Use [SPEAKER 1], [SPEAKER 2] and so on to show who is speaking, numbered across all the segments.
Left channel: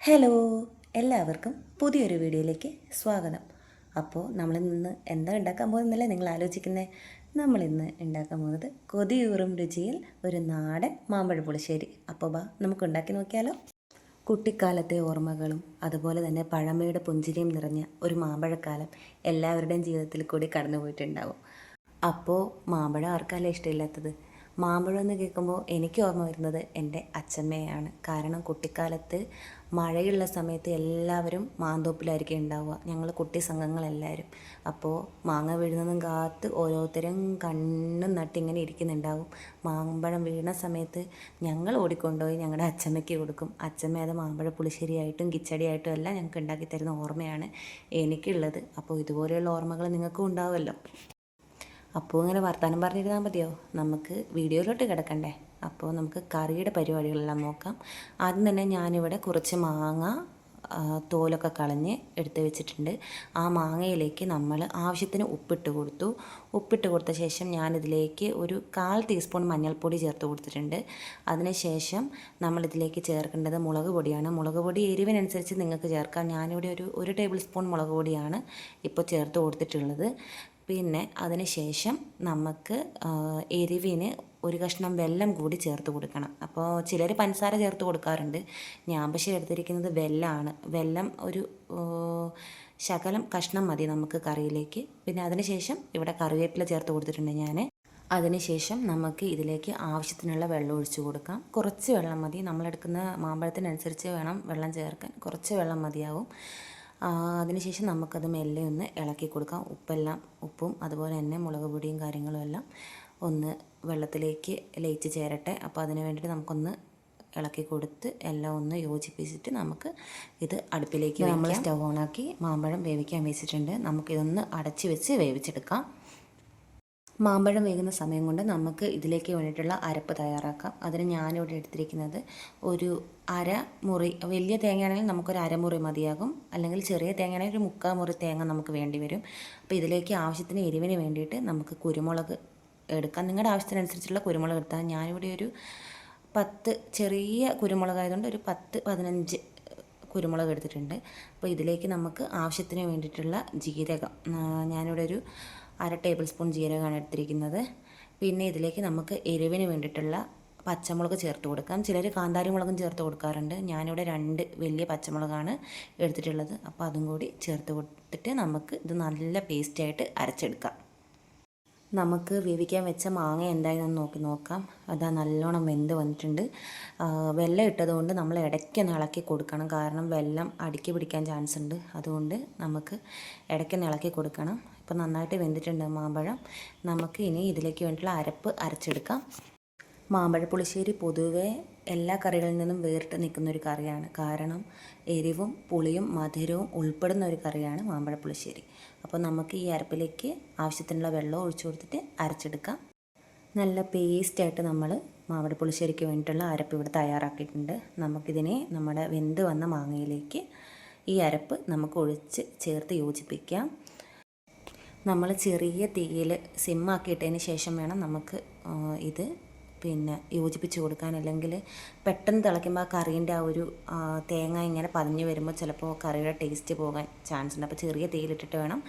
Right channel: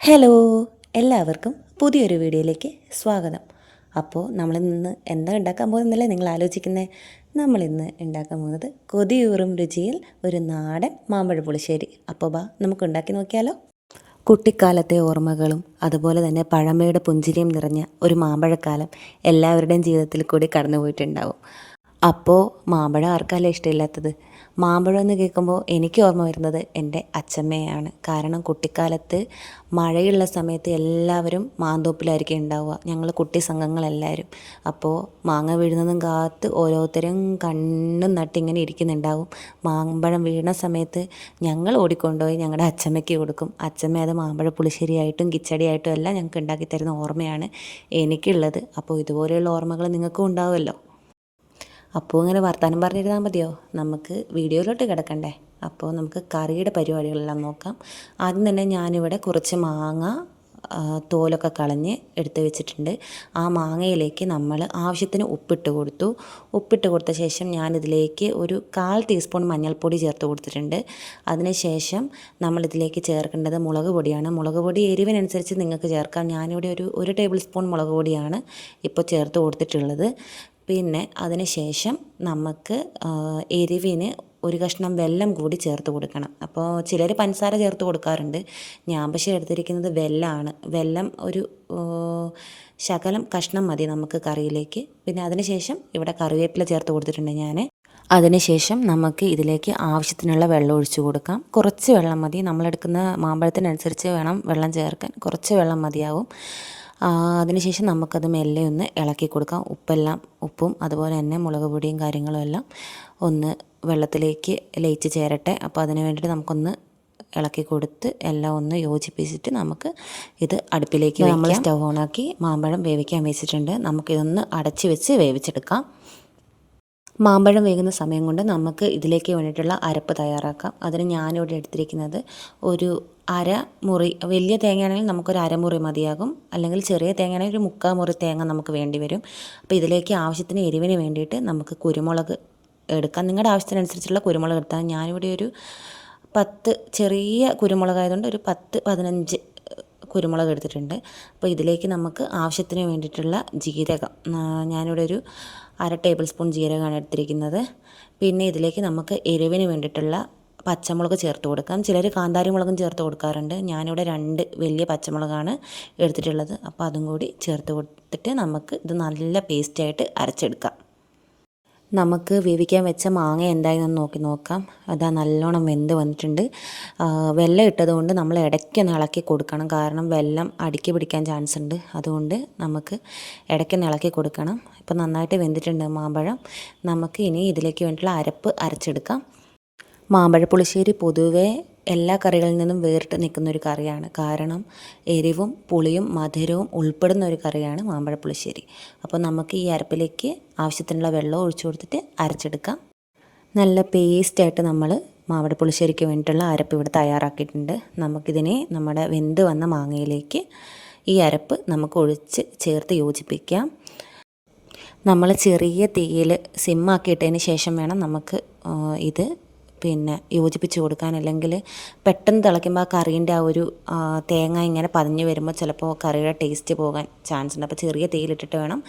[SPEAKER 1] Hello എല്ലാവർക്കും പുതിയൊരു വീഡിയോയിലേക്ക് സ്വാഗതം. അപ്പോൾ നമ്മൾ ഇന്ന് എന്താ ഉണ്ടാക്കാൻ പോകുന്നല്ലേ നിങ്ങൾ ആലോചിക്കുന്നത് നമ്മളിന്ന് ഉണ്ടാക്കാൻ പോകുന്നത് കൊതിയൂറും രുചിയിൽ ഒരു നാടൻ മാമ്പഴ പുളിശ്ശേരി. അപ്പോൾ ബാ നമുക്ക് ഉണ്ടാക്കി നോക്കിയാലോ? കുട്ടിക്കാലത്തെ ഓർമ്മകളും അതുപോലെ തന്നെ പഴമയുടെ പുഞ്ചിരിയും നിറഞ്ഞ ഒരു മാമ്പഴക്കാലം എല്ലാവരുടെയും ജീവിതത്തിൽ കൂടി കടന്നുപോയിട്ടുണ്ടാവും. അപ്പോൾ മാമ്പഴം ആർക്കല്ല ഇഷ്ടമില്ലാത്തത്? മാമ്പഴം എന്ന് കേൾക്കുമ്പോൾ എനിക്ക് ഓർമ്മ വരുന്നത് എന്റെ അച്ചമ്മയാണ് കാരണം കുട്ടിക്കാലത്ത് മഴയുള്ള സമയത്ത് എല്ലാവരും മാന്തോപ്പിലായിരിക്കും ഉണ്ടാവുക. ഞങ്ങൾ കുട്ടി സംഘങ്ങളെല്ലാവരും. അപ്പോൾ മാങ്ങ വീഴുന്നതും കാത്ത് ഓരോരുത്തരും കണ്ണും നട്ടിങ്ങനെ ഇരിക്കുന്നുണ്ടാവും. മാമ്പഴം വീണ സമയത്ത് ഞങ്ങൾ ഓടിക്കൊണ്ടുപോയി ഞങ്ങളുടെ അച്ചമ്മയ്ക്ക് കൊടുക്കും. അച്ചമ്മ അത് മാമ്പഴ പുളിശ്ശേരിയായിട്ടും കിച്ചടിയായിട്ടും എല്ലാം ഞങ്ങൾക്ക് ഉണ്ടാക്കി തരുന്ന ഓർമ്മയാണ് എനിക്കുള്ളത്. അപ്പോൾ ഇതുപോലെയുള്ള ഓർമ്മകൾ നിങ്ങൾക്കും ഉണ്ടാവുമല്ലോ. അപ്പോൾ ഇങ്ങനെ വർത്തമാനം പറഞ്ഞിരുന്നാൽ മതിയോ? നമുക്ക് വീഡിയോയിലോട്ട് കിടക്കണ്ടേ? അപ്പോൾ നമുക്ക് കറിയുടെ പരിപാടികളെല്ലാം നോക്കാം. ആദ്യം തന്നെ ഞാനിവിടെ കുറച്ച് മാങ്ങ തോലൊക്കെ കളഞ്ഞ് എടുത്ത് വെച്ചിട്ടുണ്ട്. ആ മാങ്ങയിലേക്ക് നമ്മൾ ആവശ്യത്തിന് ഉപ്പിട്ട് കൊടുത്തു. ഉപ്പിട്ട് കൊടുത്ത ശേഷം ഞാനിതിലേക്ക് ഒരു കാൽ ടീസ്പൂൺ മഞ്ഞൾപ്പൊടി ചേർത്ത് കൊടുത്തിട്ടുണ്ട്. അതിനുശേഷം നമ്മളിതിലേക്ക് ചേർക്കേണ്ടത് മുളക് പൊടിയാണ്. മുളക് പൊടി എരിവിനനുസരിച്ച് നിങ്ങൾക്ക് ചേർക്കാം. ഞാനിവിടെ ഒരു ഒരു ടേബിൾ സ്പൂൺ മുളക് പൊടിയാണ് ഇപ്പോൾ ചേർത്ത് കൊടുത്തിട്ടുള്ളത്. പിന്നെ അതിന് ശേഷം നമുക്ക് എരിവിന് ഒരു കഷ്ണം വെല്ലം കൂടി ചേർത്ത് കൊടുക്കണം. അപ്പോൾ ചിലർ പഞ്ചസാര ചേർത്ത് കൊടുക്കാറുണ്ട്. ഞാൻ പക്ഷേ എടുത്തിരിക്കുന്നത് വെല്ലമാണ് വെല്ലം ഒരു ശകലം കഷ്ണം മതി നമുക്ക് കറിയിലേക്ക്. പിന്നെ അതിന് ശേഷം ഇവിടെ കറിവേപ്പില ചേർത്ത് കൊടുത്തിട്ടുണ്ട് ഞാൻ അതിനുശേഷം നമുക്ക് ഇതിലേക്ക് ആവശ്യത്തിനുള്ള വെള്ളം ഒഴിച്ചു കൊടുക്കാം. കുറച്ച് വെള്ളം മതി. നമ്മളെടുക്കുന്ന മാമ്പഴത്തിനനുസരിച്ച് വേണം വെള്ളം ചേർക്കാൻ. കുറച്ച് വെള്ളം മതിയാവും. അതിനുശേഷം നമുക്കത് മെല്ലെ ഒന്ന് ഇളക്കി കൊടുക്കാം. ഉപ്പെല്ലാം ഉപ്പും അതുപോലെ തന്നെ മുളക് പൊടിയും കാര്യങ്ങളും എല്ലാം ഒന്ന് വെള്ളത്തിലേക്ക് ലയിച്ച് ചേരട്ടെ. അപ്പോൾ അതിന് വേണ്ടിയിട്ട് നമുക്കൊന്ന് ഇളക്കി കൊടുത്ത് എല്ലാം ഒന്ന് യോജിപ്പിച്ചിട്ട് നമുക്ക് ഇത് അടുപ്പിലേക്ക് നമ്മൾ സ്റ്റൗ ഓണാക്കി മാമ്പഴം വേവിക്കാൻ വെച്ചിട്ടുണ്ട്. നമുക്കിതൊന്ന് അടച്ച് വെച്ച് വേവിച്ചെടുക്കാം. മാമ്പഴം വേകുന്ന സമയം കൊണ്ട് നമുക്ക് ഇതിലേക്ക് വേണ്ടിയിട്ടുള്ള അരപ്പ് തയ്യാറാക്കാം. അതിന് ഞാനിവിടെ എടുത്തിരിക്കുന്നത് ഒരു അര മുറി വലിയ തേങ്ങയാണെങ്കിൽ നമുക്കൊരു അരമുറി മതിയാകും. അല്ലെങ്കിൽ ചെറിയ തേങ്ങയാണെങ്കിൽ ഒരു മുക്കാൽ മുറി തേങ്ങ നമുക്ക് വേണ്ടി വരും. അപ്പോൾ ഇതിലേക്ക് ആവശ്യത്തിന് എരിവിന് വേണ്ടിയിട്ട് നമുക്ക് കുരുമുളക് എടുക്കാം. നിങ്ങളുടെ ആവശ്യത്തിനനുസരിച്ചുള്ള കുരുമുളക് എടുത്താൽ ഞാനിവിടെ ഒരു പത്ത് ചെറിയ കുരുമുളകായതുകൊണ്ട് ഒരു പത്ത് പതിനഞ്ച് കുരുമുളക് എടുത്തിട്ടുണ്ട്. അപ്പോൾ ഇതിലേക്ക് നമുക്ക് ആവശ്യത്തിന് വേണ്ടിയിട്ടുള്ള ജീരകം ഞാനിവിടെ ഒരു അര ടേബിൾ സ്പൂൺ ജീരകമാണ് എടുത്തിരിക്കുന്നത്. പിന്നെ ഇതിലേക്ക് നമുക്ക് എരിവിന് വേണ്ടിയിട്ടുള്ള പച്ചമുളക് ചേർത്ത് കൊടുക്കാം. ചിലർ കാന്താരി മുളകും ചേർത്ത് കൊടുക്കാറുണ്ട്. ഞാനിവിടെ രണ്ട് വലിയ പച്ചമുളകാണ് എടുത്തിട്ടുള്ളത്. അപ്പോൾ അതും കൂടി ചേർത്ത് കൊടുത്തിട്ട് നമുക്ക് ഇത് നല്ല പേസ്റ്റായിട്ട് അരച്ചെടുക്കാം. നമുക്ക് വേവിക്കാൻ വെച്ച മാങ്ങ എന്തായെന്ന് നോക്കി നോക്കാം. അതാ നല്ലോണം വെന്ത് വന്നിട്ടുണ്ട്. വെള്ളം ഇട്ടതുകൊണ്ട് നമ്മൾ ഇടയ്ക്കൊന്ന് ഇളക്കി കൊടുക്കണം. കാരണം വെള്ളം അടുക്കി പിടിക്കാൻ ചാൻസ് ഉണ്ട്. അതുകൊണ്ട് നമുക്ക് ഇടയ്ക്കൊന്ന് ഇളക്കി കൊടുക്കണം. ഇപ്പം നന്നായിട്ട് വെന്തിട്ടുണ്ട് മാമ്പഴം. നമുക്ക് ഇനി ഇതിലേക്ക് വേണ്ടിയിട്ടുള്ള അരപ്പ് അരച്ചെടുക്കാം. മാമ്പഴ പുളിശ്ശേരി പൊതുവേ എല്ലാ കറികളിൽ നിന്നും വേറിട്ട് നിൽക്കുന്ന ഒരു കറിയാണ്. കാരണം എരിവും പുളിയും മധുരവും ഉൾപ്പെടുന്ന ഒരു കറിയാണ് മാമ്പഴ പുളിശ്ശേരി അപ്പോൾ നമുക്ക് ഈ അരപ്പിലേക്ക് ആവശ്യത്തിനുള്ള വെള്ളം ഒഴിച്ചു കൊടുത്തിട്ട് അരച്ചെടുക്കാം. നല്ല പേസ്റ്റായിട്ട് നമ്മൾ മാമ്പഴ പുളിശ്ശേരിക്ക് വേണ്ടിയിട്ടുള്ള അരപ്പ് ഇവിടെ തയ്യാറാക്കിയിട്ടുണ്ട്. നമുക്കിതിനെ നമ്മുടെ വെന്ത് വന്ന മാങ്ങയിലേക്ക് ഈ അരപ്പ് നമുക്ക് ഒഴിച്ച് ചേർത്ത് യോജിപ്പിക്കാം. നമ്മൾ ചെറിയ തീയിൽ സിമ്മാക്കിയിട്ടതിന് ശേഷം വേണം നമുക്ക് ഇത് പിന്നെ യോജിപ്പിച്ച് കൊടുക്കാൻ അല്ലെങ്കിൽ പെട്ടെന്ന് തിളയ്ക്കുമ്പോൾ ആ കറീന്റെ ആ ഒരു തേങ്ങ ഇങ്ങനെ പതിഞ്ഞ് വരുമ്പോൾ ചിലപ്പോൾ കറിയുടെ ടേസ്റ്റ് പോകാൻ ചാൻസ് ഉണ്ട്. അപ്പോൾ ചെറിയ തേയിലിട്ടിട്ട് വേണം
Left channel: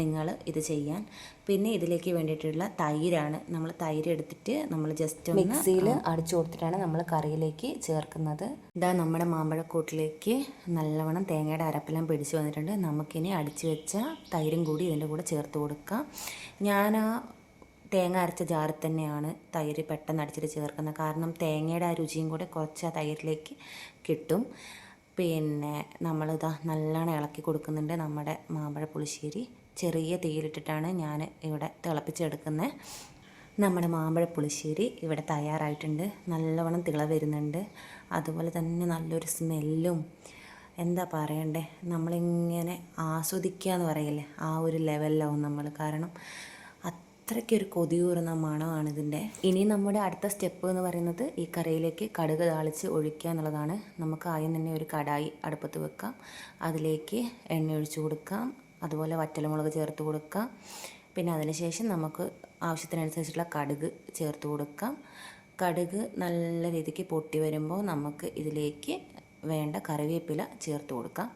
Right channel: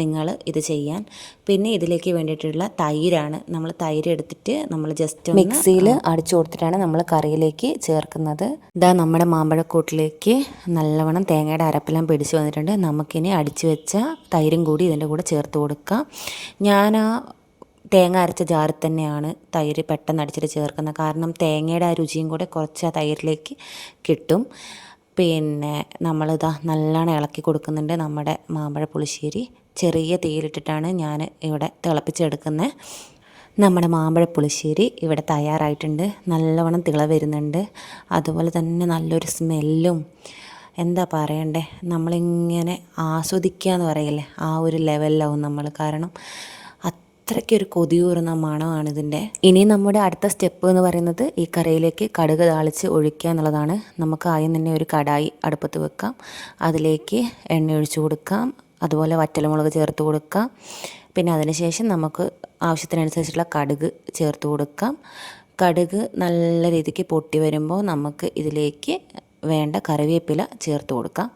[SPEAKER 1] നിങ്ങൾ ഇത് ചെയ്യാൻ. പിന്നെ ഇതിലേക്ക് വേണ്ടിയിട്ടുള്ള തൈരാണ്. നമ്മൾ തൈര് എടുത്തിട്ട് നമ്മൾ ജസ്റ്റ് മിക്സിയിൽ അടിച്ചു കൊടുത്തിട്ടാണ് നമ്മൾ കറിയിലേക്ക് ചേർക്കുന്നത്. ഇതാ നമ്മുടെ മാമ്പഴക്കൂട്ടിലേക്ക് നല്ലവണ്ണം തേങ്ങയുടെ അരപ്പെല്ലാം പിടിച്ച് വന്നിട്ടുണ്ട്. നമുക്കിനി അടിച്ചു വെച്ച തൈരും കൂടി ഇതിന്റെ കൂടെ ചേർത്ത് കൊടുക്കാം. ഞാൻ തേങ്ങ അരച്ച ജാറിൽ തന്നെയാണ് തൈര് പെട്ടെന്ന് അടിച്ചിട്ട് ചേർക്കുന്നത്. കാരണം തേങ്ങയുടെ ആ രുചിയും കൂടെ കുറച്ച് ആ തൈരിലേക്ക് കിട്ടും. പിന്നെ നമ്മളിതാ നല്ലോണം ഇളക്കി കൊടുക്കുന്നുണ്ട് നമ്മുടെ മാമ്പഴ പുളിശ്ശേരി. ചെറിയ തീയിലിട്ടിട്ടാണ് ഞാൻ ഇവിടെ തിളപ്പിച്ചെടുക്കുന്നത് നമ്മുടെ മാമ്പഴ പുളിശ്ശേരി ഇവിടെ തയ്യാറായിട്ടുണ്ട്. നല്ലവണ്ണം തിള വരുന്നുണ്ട്. അതുപോലെ തന്നെ നല്ലൊരു സ്മെല്ലും. എന്താ പറയണ്ടേ? നമ്മളിങ്ങനെ ആസ്വദിക്കുക എന്ന് പറയില്ലേ? ആ ഒരു ലെവലിലാവും നമ്മൾ കാരണം അത്രയ്ക്കൊരു കൊതിയൂറുന്ന മണമാണ് ഇതിന്റെ. ഇനി നമ്മുടെ അടുത്ത സ്റ്റെപ്പ് എന്ന് പറയുന്നത് ഈ കറിയിലേക്ക് കടുക് താളിച്ച് ഒഴിക്കുക എന്നുള്ളതാണ്. നമുക്ക് ആദ്യം തന്നെ ഒരു കടായി അടുപ്പത്ത് വെക്കാം. അതിലേക്ക് എണ്ണ ഒഴിച്ചു കൊടുക്കാം. അതുപോലെ വറ്റൽമുളക് ചേർത്ത് കൊടുക്കാം. പിന്നെ അതിനുശേഷം നമുക്ക് ആവശ്യത്തിനനുസരിച്ചുള്ള കടുക് ചേർത്ത് കൊടുക്കാം. കടുക് നല്ല രീതിക്ക് പൊട്ടി വരുമ്പോൾ നമുക്ക് ഇതിലേക്ക് വേണ്ട കറിവേപ്പില ചേർത്ത് കൊടുക്കാം.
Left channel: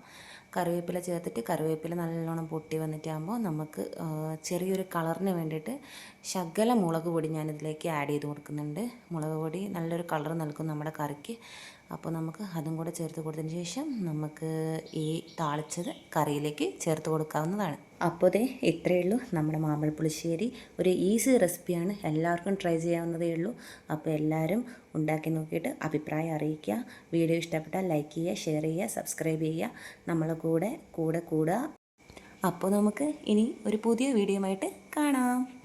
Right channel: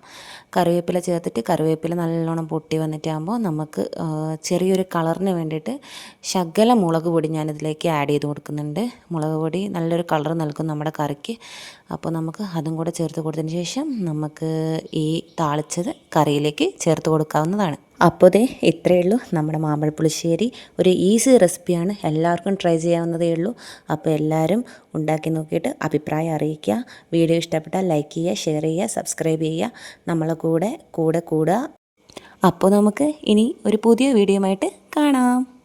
[SPEAKER 1] കറിവേപ്പില ചേർത്തിട്ട് കറിവേപ്പില നല്ലോണം പൊട്ടി വന്നിട്ടാകുമ്പോൾ നമുക്ക് ചെറിയൊരു കളറിന് വേണ്ടിയിട്ട് ശകല മുളക് പൊടി ഞാനിതിലേക്ക് ആഡ് ചെയ്ത് കൊടുക്കുന്നുണ്ട്. മുളക് പൊടി നല്ലൊരു കളർ നൽകും നമ്മുടെ കറിക്ക്. അപ്പോൾ നമുക്ക് അതും കൂടെ ചേർത്ത് കൊടുത്തതിന് ശേഷം നമുക്ക് ഈ താളിച്ചത് കറിയിലേക്ക് ചേർത്ത് കൊടുക്കാവുന്നതാണ്. അപ്പോൾ ദേ ഇത്രയേ ഉള്ളൂ. നമ്മുടെ മാമ്പഴ പുളിശ്ശേരി. ഒരു ഈസി റെസിപ്പിയാണ്. എല്ലാവർക്കും ട്രൈ ചെയ്യാവുന്നതേ ഉള്ളൂ. അപ്പോൾ എല്ലാവരും ഉണ്ടാക്കി നോക്കിയിട്ട് അഭിപ്രായം അറിയിക്കുക. വീഡിയോ ഇഷ്ടപ്പെട്ടാൽ ലൈക്ക് ചെയ്യുക ഷെയർ ചെയ്യുക സബ്സ്ക്രൈബ് ചെയ്യുക. നമ്മളെ കൂടെ കൂടെ കൂടുക. അപ്പോൾ നമുക്ക് ഇനി ഒരു പുതിയ വീഡിയോ ആയിട്ട് കാണാം.